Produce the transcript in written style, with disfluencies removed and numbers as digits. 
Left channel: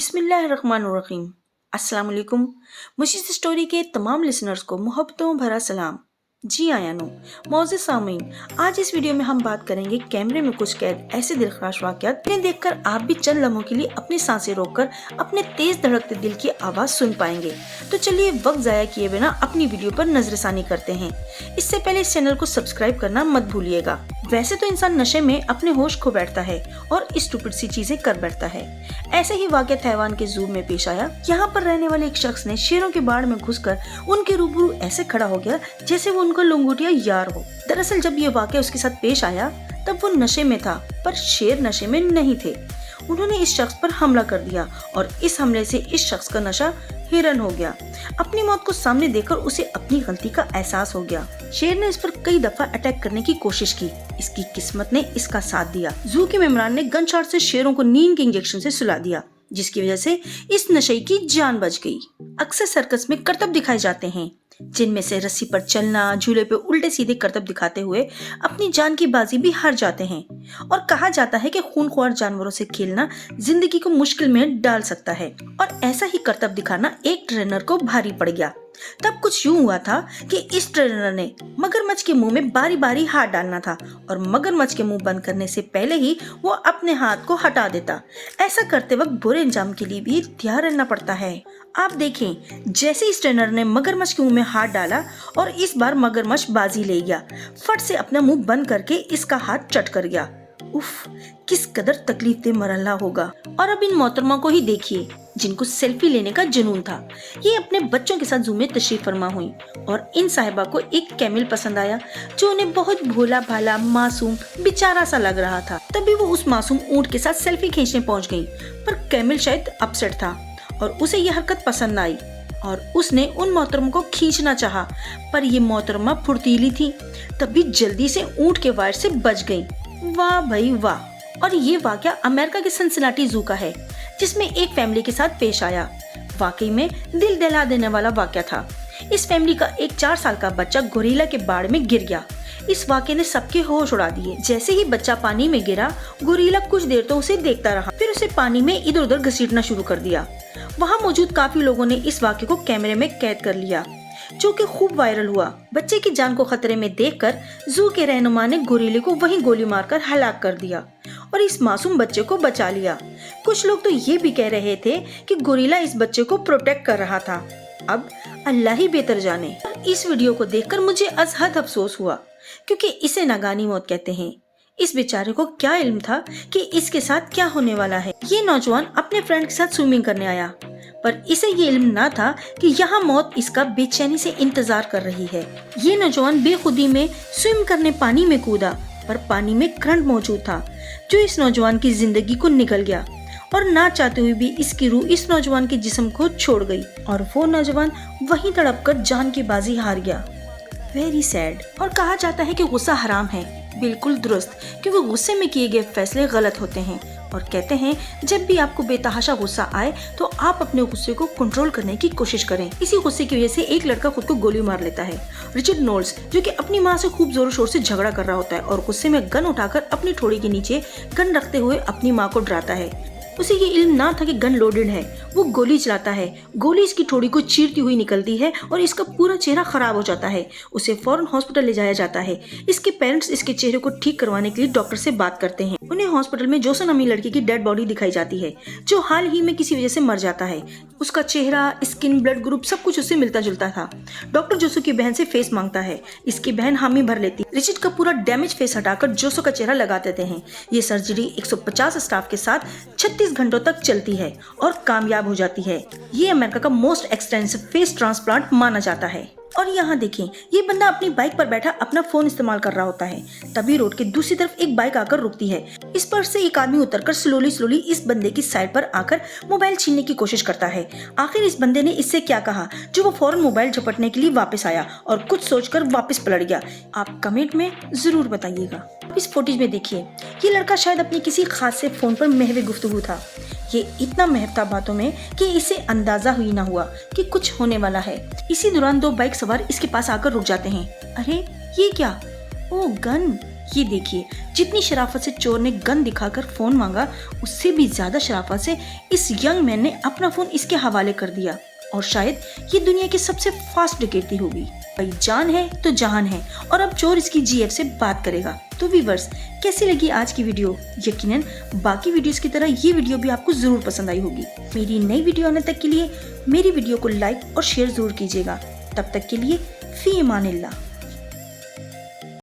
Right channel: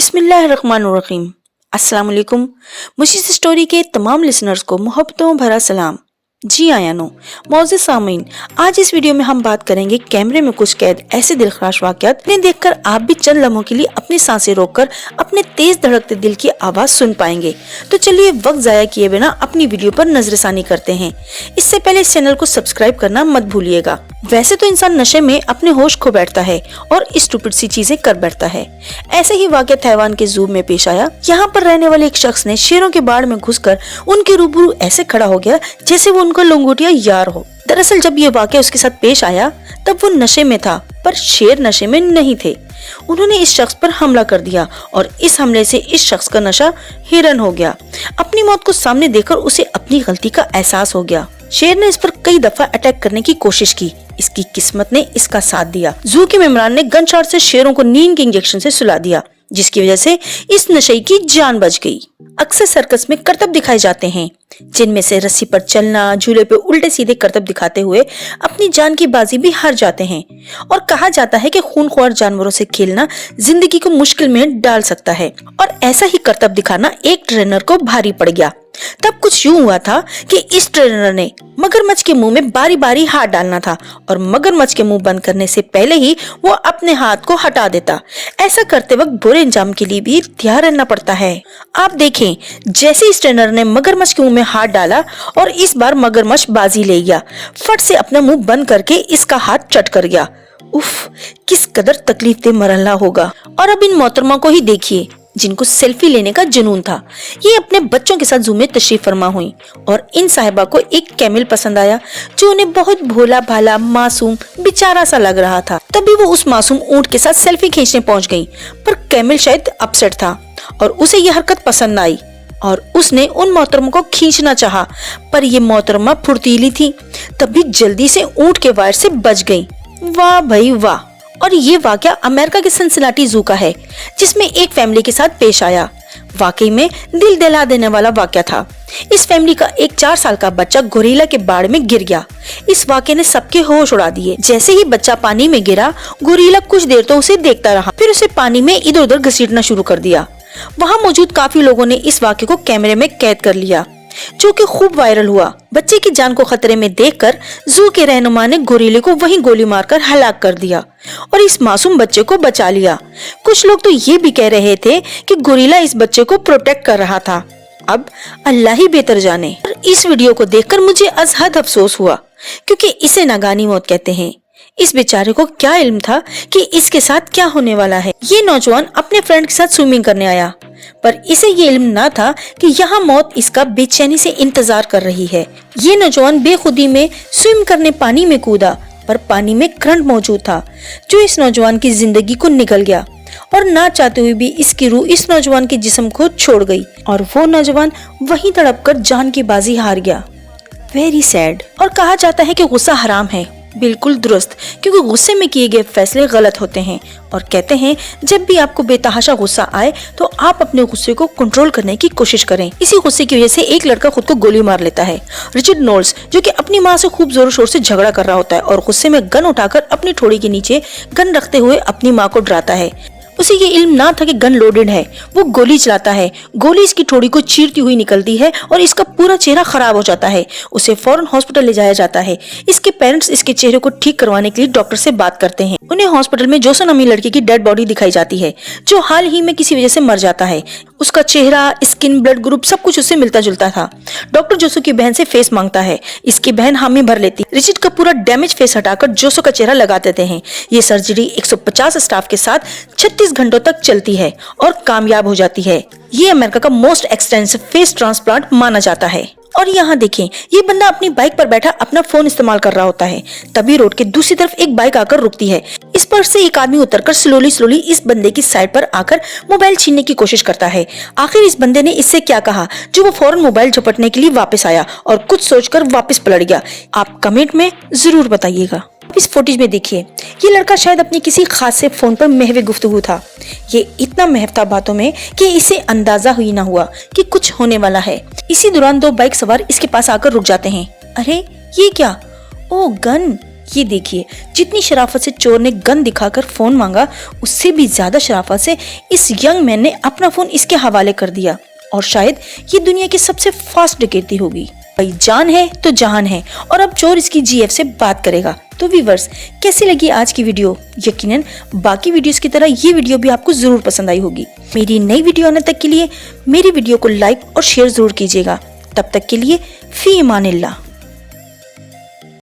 बिस्मिल्लाहिर्रहमानिर्रहीम। अस्सलाम वालेकुम। मुशीस स्टोरी के तमाम लिसनर्स को मोहब्बतों भरा सलाम। जी आयानो मौजूद सामीन, आज इस वीडियो में हम बात करेंगे कैमरे में कुछ कैद ऐसे दिलखराश वाक़यात जिन्हें देखकर आप भी चंद लम्हों के लिए अपनी सांसें रोककर अपने तेज धड़कते दिल की आवाज सुन पाएंगे। तो चलिए वक्त जाया किए बिना अपनी वीडियो पर नजरसानी करते हैं। इससे पहले इस चैनल को सब्सक्राइब करना मत भूलिएगा। वैसे तो इंसान नशे में अपने होश खो बैठता है और स्टूपिड सी चीजें कर बैठता है। ऐसे ही वाक़या तैवान के ज़ू में पेश आया। यहाँ पर रहने वाले एक शख्स ने शेरों के बाड़ में घुसकर उनके रूबरू ऐसे खड़ा हो गया जैसे वो उनका लंगोटिया यार हो। दरअसल जब ये वाक़या उसके साथ पेश आया तब वो नशे में था, पर शेर नशे में नहीं थे। उन्होंने इस शख्स पर हमला कर दिया और इस हमले से इस शख्स का नशा हिरन हो गया। अपनी मौत को सामने देखकर उसे अपनी गलती का एहसास हो गया। शेर ने इस पर कई दफा अटैक करने की कोशिश की, इसकी किस्मत ने इसका साथ दिया। जू के मेमरान ने गन शॉट से शेरों को नींद के इंजेक्शन से सुला दिया, जिसकी वजह से इस नशे की जान बच गई। अक्सर सर्कस में करतब दिखाए जाते हैं, जिनमें से रस्सी पर चलना, झूले पे उल्टे सीधे करतब दिखाते हुए अपनी जान की बाजी भी हार जाते हैं। और कहा जाता है कि खूनख्वार जानवरों से खेलना जिंदगी को मुश्किल में डाल सकता है। और ऐसा ही करतब दिखाना एक ट्रेनर को भारी पड़ गया। तब कुछ यूं हुआ था कि इस ट्रेनर ने मगरमच्छ के मुंह में बारी बारी हाथ डालना था और मगरमच्छ के मुंह बंद करने से पहले ही वो अपने हाथ को हटा देता। ऐसा करते वक्त बुरे अंजाम के लिए भी तैयार रहना पड़ता है। आप देखें, जैसे इस ट्रेनर ने मगरमच्छ के मुंह में हाथ डाला और इस बार मगरमच्छ बाजी ले गया, फट से अपना मुंह बंद करके इसका हाथ चट कर गया। उफ, किस कदर तकलीफ दे मरहला होगा। और अब इन मोहतरमा को ही देखिए, जिनको सेल्फी लेने का जुनून था। ये अपने बच्चों के साथ जू में तशरीफ फरमा हुई और इन साहिबा को एक कैमल पसंद आया जो उन्हें बहुत भोला भाला, मासूम, बेचारा सा लग रहा था। तभी वो उस मासूम ऊंट के साथ सेल्फी खींचने पहुंच गई, पर कैमल शायद अपसेट था और उसे यह हरकत पसंद न आई और उसने उन मोहतरमों को खींचना चाहा, पर ये मोहतरमा फुर्तीली थी, तभी जल्दी से ऊंट के वायर से बच गई। वाह भाई वाह। और ये वाकया अमेरिका के सिनसिनाटी जू का है, जिसमें एक फैमिली के साथ पेश आया। वाकई में दिल दहला देने वाला वाकया था। इस फैमिली का एक 4 साल का बच्चा गोरिल्ला के बाड़ में गिर गया। इस वाकये ने सबके होश उड़ा दिए। जैसे ही बच्चा पानी में गिरा, गोरिल्ला कुछ देर तो उसे देखता रहा, फिर उसे पानी में इधर उधर घसीटना शुरू कर दिया। वहाँ मौजूद काफी लोगों ने इस वाकये को कैमरे में कैद कर लिया, जो कि खूब वायरल हुआ। बच्चे की जान को खतरे में देखकर जू के रहनुमा ने गोरिल्ले को वहीं गोली मारकर हलाक कर दिया और इस मासूम बच्चे को बचा लिया। कुछ लोग तो ये भी कह रहे थे कि गोरिल्ला इस बच्चे को प्रोटेक्ट कर रहा था। अब अल्लाह ही बेहतर जाने। इस वीडियो को देखकर मुझे अजहद अफसोस हुआ, क्योंकि इसे नागानी मौत कहते हैं। इस बेचारे को क्या इल्म था कि इसके साथ क्या होने वाला है। ये नौजवान अपने फ्रेंड के साथ स्विमिंग करने आया, पर इसे ये इल्म ना था कि यहाँ मौत इसका बेचैनी से इंतजार कर रही है। ये नौजवान बेखुदी में स्विम करने पानी में कूदा, पर पानी में करंट मौजूद था जो इस नौजवान की जिंदगी को निगल गया और ना चाहते हुए भी इसकी रूह इस नौजवान के जिस्म को छोड़ गई और वो नौजवान वहीं तड़प कर जान की बाजी हार गया। Very sad. और कहा जाता है कि गुस्सा हराम है। बिल्कुल दुरुस्त, क्योंकि गुस्से में किए गए फैसले गलत होते हैं। और कहते हैं जब भी आपको बेतहाशा गुस्सा आए तो आप अपने गुस्से को कंट्रोल करने की कोशिश करें। इसी गुस्से की वजह से एक लड़का खुद को गोली मार लेता है। रिचर्ड नोल्स, जो कि अपनी माँ से खूब जोर शोर से झगड़ा कर रहा होता है और गुस्से में गन उठाकर अपनी ठोड़ी के नीचे गन रखते हुए अपनी माँ को डराता है। उसे ये इल्म ना था कि गन लोडेड है। वो गोली चलाता है, गोली इसकी ठोड़ी को चीरती हुई निकलती है और इसका पूरा चेहरा खराब हो जाता है। उसे फौरन हॉस्पिटल ले जाया जाता है। इसके पेरेंट्स इसके चेहरे को ठीक करवाने के लिए डॉक्टर से बात करते हैं। उन्हें हॉस्पिटल में जोसन नामी लड़के की डेड बॉडी दिखाई जाती है, जो हाल ही में किसी वजह से मर जाता है। उसका चेहरा, स्किन, ब्लड ग्रुप सब कुछ उससे मिलता जुलता था। डॉक्टर जोसो की बहन से फेस मांगता है। इसकी बहन हामी भर लेती। रिचर्ड का पूरा डैमेज फेस हटाकर जोसो का चेहरा लगा देते हैं। ये सर्जरी 150 स्टाफ के साथ 36 घंटों तक चलती है और कामयाब हो जाती है। ये अमेरिका का मोस्ट एक्सटेंसिव फेस ट्रांसप्लांट माना जाता है। और यहाँ देखें, ये बंदा अपनी बाइक पर बैठा अपना फोन इस्तेमाल कर रहा होता है। तभी रोड के दूसरी तरफ एक बाइक आकर रुकती है। इस पर से एक आदमी उतरकर स्लोली इस बंदे की साइड पर आकर मोबाइल छीनने की कोशिश करता है। आखिर इस बंदे ने इससे क्या कहा जो वो फौरन मोबाइल झपटने के लिए वापस आया और कुछ सोचकर वापस पलट गया? आप कमेंट में जरूर बताइएगा। इस फुटेज में देखिए, ये लड़का शायद अपने किसी खास से फोन पर महवे गुफ्तगू था। ये इतना महव था बातों में कि इसे अंदाजा ही ना हुआ कि कुछ होने वाला है। इसी दौरान 2 बाइक सवार इसके पास आकर रुक जाते हैं। अरे ये क्या? ओ गन, یہ دیکھیے جتنی شرافت سے چور نے گن دکھا کر فون مانگا اس سے بھی زیادہ شرافت سے اس ینگ مین نے اپنا فون اس کے حوالے کر دیا، اور شاید یہ دنیا کی سب سے فاسٹ ڈکیتی ہوگی۔ بھائی جان ہے تو جہان ہے، اور اب چور اس کی جی ایف سے بات کرے گا۔ تو ویورز کیسی لگی آج کی ویڈیو؟ یقیناً باقی ویڈیوز کی طرح یہ ویڈیو بھی آپ کو ضرور پسند آئی ہوگی۔ میری نئی ویڈیو آنے تک کے لیے میری ویڈیو کو لائک اور شیئر ضرور کیجیے گا۔ تب تک کے لیے فی امان اللہ۔